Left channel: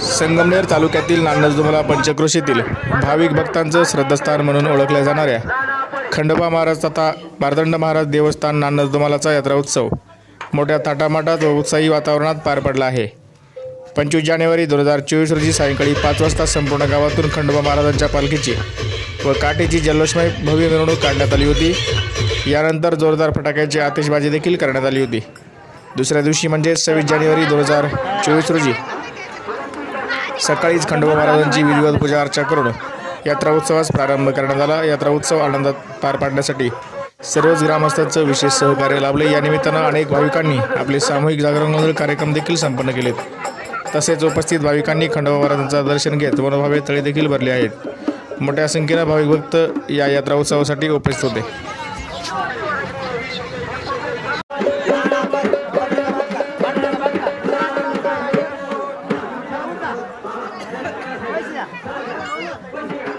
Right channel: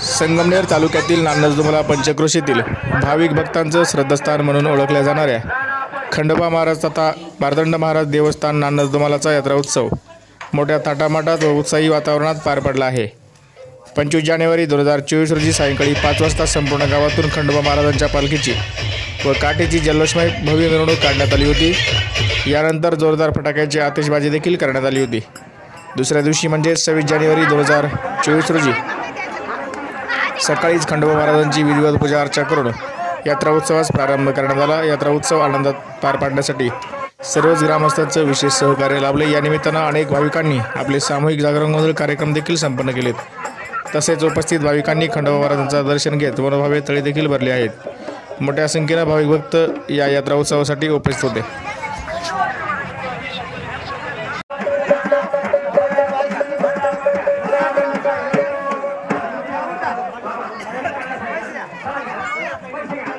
संगमनेर तालुक्यातील नानजदुमला पंचक्रोशीतील भाविक भक्तांचं श्रद्धास्थान म्हणून ओळखल्या जाणाऱ्या खंडोबा महाराज तथा बारदंड महाराज देवस्थान नानजदुमालाचा यात्रा उत्सव मोठ्या थाटामाटात व उत्साही वातावरणात पार पडला आहे. पंचवीस जानेवारी दोन हजार चोवीस रोजी सायंकाळी पाच वाजता संपूर्ण गावातून खंडोबा महाराजांच्या पालखीची व काठीची जल्लोषमय भव्य मिरवणूक काढण्यात आली होती. यानंतर जोरदार फटाक्याची आतिषबाजी देखील करण्यात आली होती. दुसऱ्या दिवशी म्हणजे सव्वीस जानेवारी दोन हजार चोवीस रोजी सकाळीच खंडोबा महाराजांची विधिवत पूजा अर्चा करून यात्रा उत्सवास प्रारंभ करण्यात आला. यात्रा उत्सव आनंदात पार पाडण्यासाठी सर्वच ग्रामस्थांचं विशेष सहकार्य लाभले. या निमित्तानं अनेक भाविकांनी आपले सामूहिक जागरणमधील कार्यक्रम देखील संपन्न केलेत. तसेच उपस्थित भाविकांनी खंडोबा महाराजांचं दर्शन घेत मनोभावे तळी देखील भरले आहेत. मोठ्या संख्येनं भाविक भक्त या यात्रा उत्सवासाठी उपस्थित होते. Wait, hang on.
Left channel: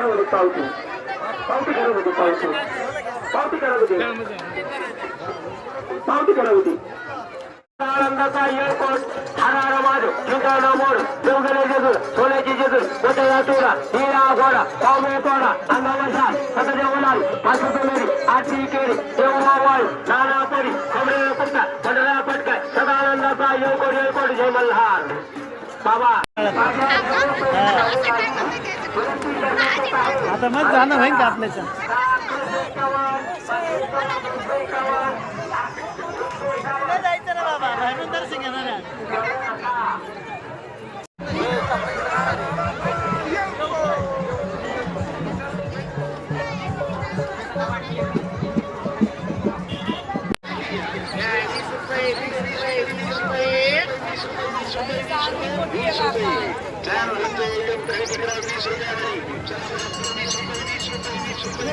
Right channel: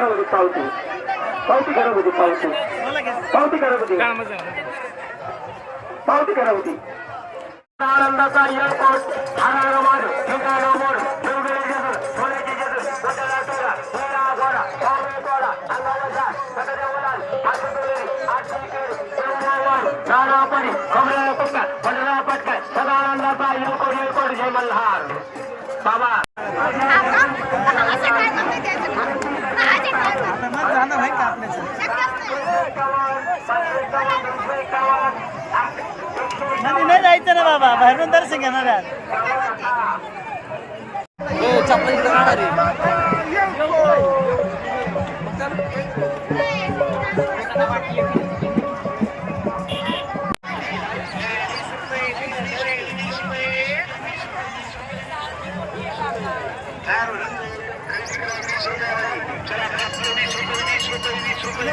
पावती करा होती पावती पावती करा होती पावती पावती करा होती पावती करा होती आनंदाचा एअरपोर्ट हरार माड ठिकाणा मोड जोगले जोग सोन्याची जेज मोठे वाटोरा हिरा घोडा पावले तोडा उलाल आठी केळी माळ नाना परी पक्का पंढरा पटकाय सदा आनंदाचा एअरपोर्ट एअरपोर्ट जय मल्हार. बाबा. खतरनाक गाणं आहे का आपल्याचं? नाही जायचं ना बाबा. बाहेरून दर्शन घेणार चार वीस